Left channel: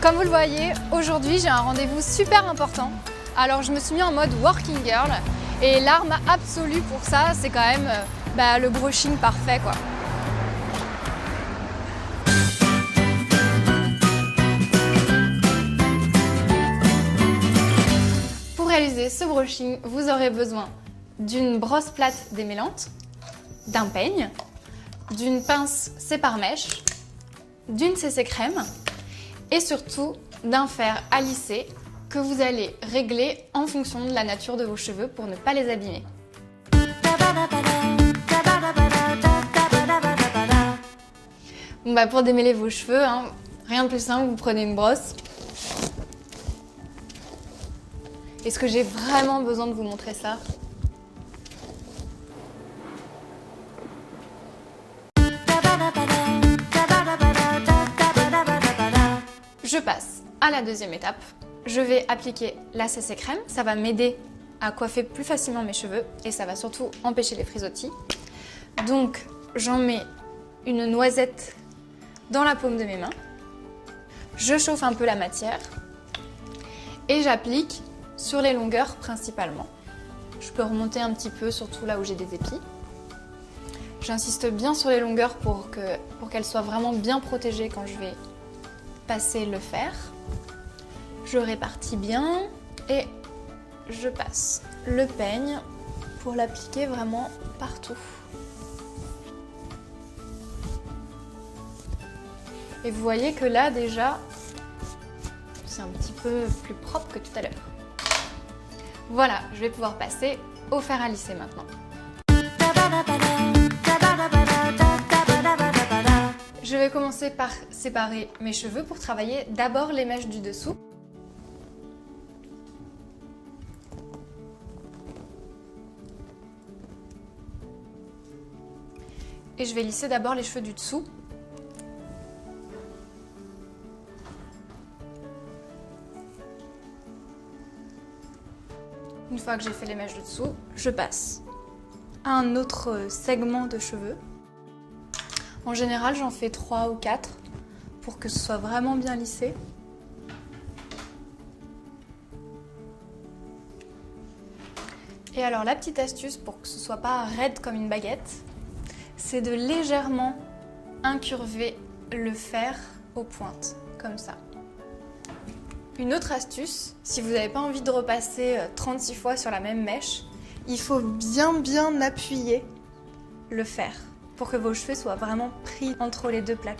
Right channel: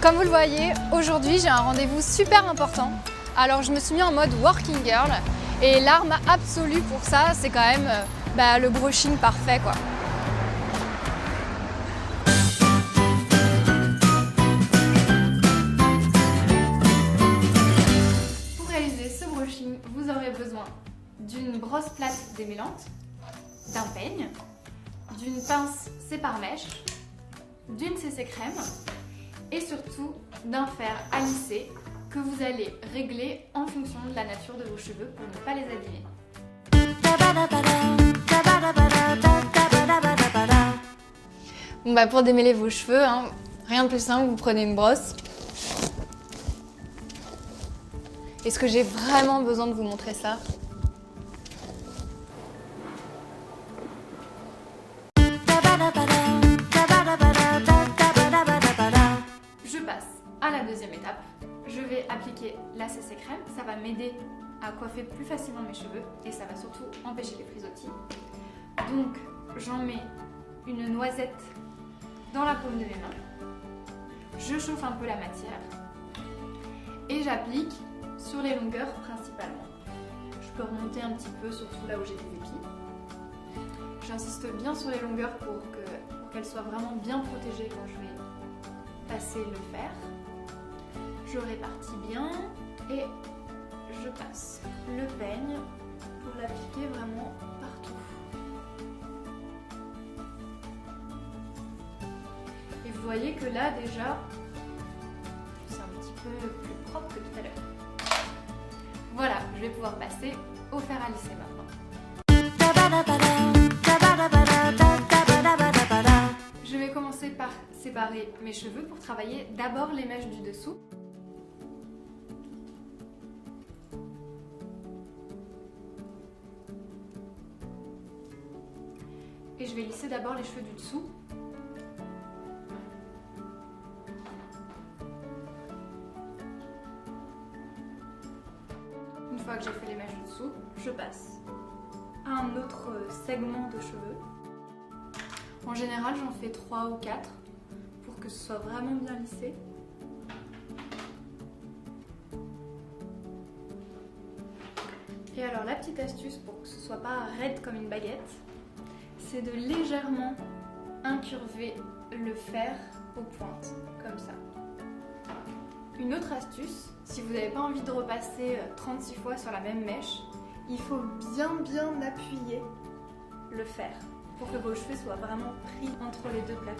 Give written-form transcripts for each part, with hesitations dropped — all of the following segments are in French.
Comme vous le voyez, aujourd'hui j'ai un rendez-vous super important. Alors je me suis mis en mode working girl et l'arme absolue pour ça, c'est quand même le brushing parfait quoi. Pour réaliser ce brushing, vous aurez besoin d'une brosse plate démêlante, d'un peigne, d'une pince sépare-mèche, d'une CC crème et surtout d'un fer à lisser que vous allez régler en fonction de la nature de vos cheveux pour ne pas les abîmer. Bon, pour démêler vos cheveux, rien de plus simple, vous prenez une brosse. Est-ce que j'ai vraiment besoin de vous montrer ça ? Je passe à la deuxième étape. Je vais appliquer la CC crème. Ça va m'aider à coiffer plus facilement mes cheveux et ça va surtout empêcher les frisottis. Donc, j'en mets une noisette dans la paume de mes mains. Je chauffe un peu la matière et j'applique sur les longueurs principalement. Je peux remonter un petit peu, surtout là où j'ai des épis. J'insiste bien sur les longueurs pour qu'elles soient vraiment bien protégées quand je vais passer le fer. Je répartis bien et je passe le peigne pour l'appliquer vraiment partout. Et vous voyez que là déjà, c'est un petit peu plus propre que tout à l'heure. Voilà, je vais pouvoir passer au fer à lisser maintenant. Je vais commencer par séparer mes cheveux pour travailler d'abord les mèches du dessous. Et je vais lisser d'abord les cheveux du dessous. Une fois que j'ai fait les mèches du dessous, je passe à un autre segment de cheveux. En général, j'en fais 3 ou 4 pour que ce soit vraiment bien lissé. Et alors, la petite astuce pour que ce soit pas raide comme une baguette, c'est de légèrement incurver le fer aux pointes, comme ça. Une autre astuce, si vous n'avez pas envie de repasser 36 fois sur la même mèche, il faut bien appuyer le fer pour que vos cheveux soient vraiment pris entre les deux plaques.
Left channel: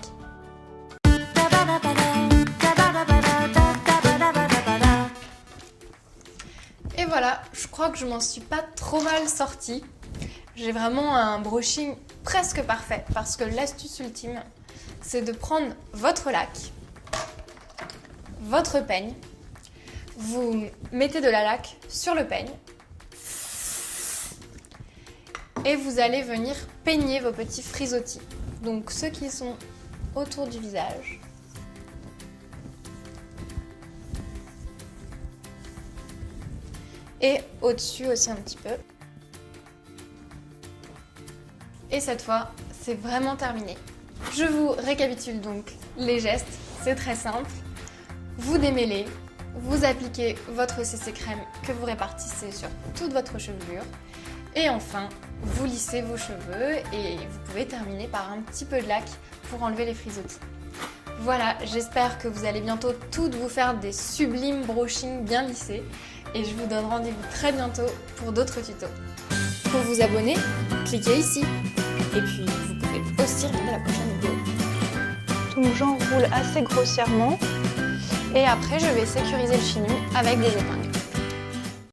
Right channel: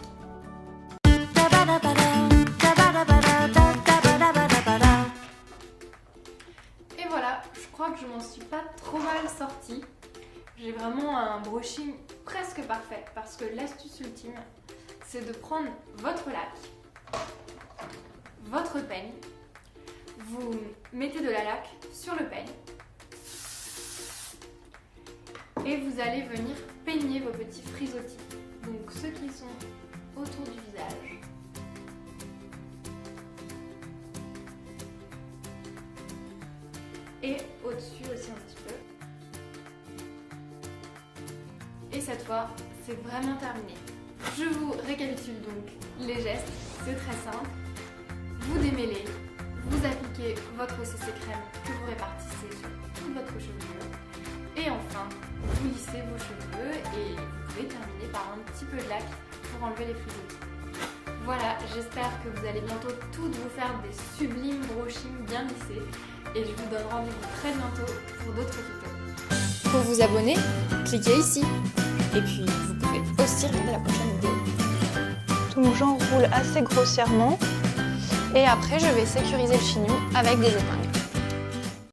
Et voilà, je crois que je m'en suis pas trop mal sortie. J'ai vraiment un brushing presque parfait parce que l'astuce ultime, c'est de prendre votre lac, votre peigne, vous mettez de la laque sur le peigne et vous allez venir peigner vos petits frisottis. Donc ceux qui sont autour du visage. Et au-dessus aussi un petit peu. Et cette fois, c'est vraiment terminé. Je vous récapitule donc les gestes, c'est très simple. Vous démêlez, vous appliquez votre CC crème que vous répartissez sur toute votre chevelure. Et enfin, vous lissez vos cheveux et vous pouvez terminer par un petit peu de lac pour enlever les frisottis. Voilà, j'espère que vous allez bientôt toutes vous faire des sublimes brushings bien lissés. Et je vous donne rendez-vous très bientôt pour d'autres tutos. Pour vous abonner, cliquez ici. Et puis, vous pouvez aussi regarder la prochaine vidéo. Donc j'enroule assez grossièrement Et après, je vais sécuriser le chignon avec des épingles.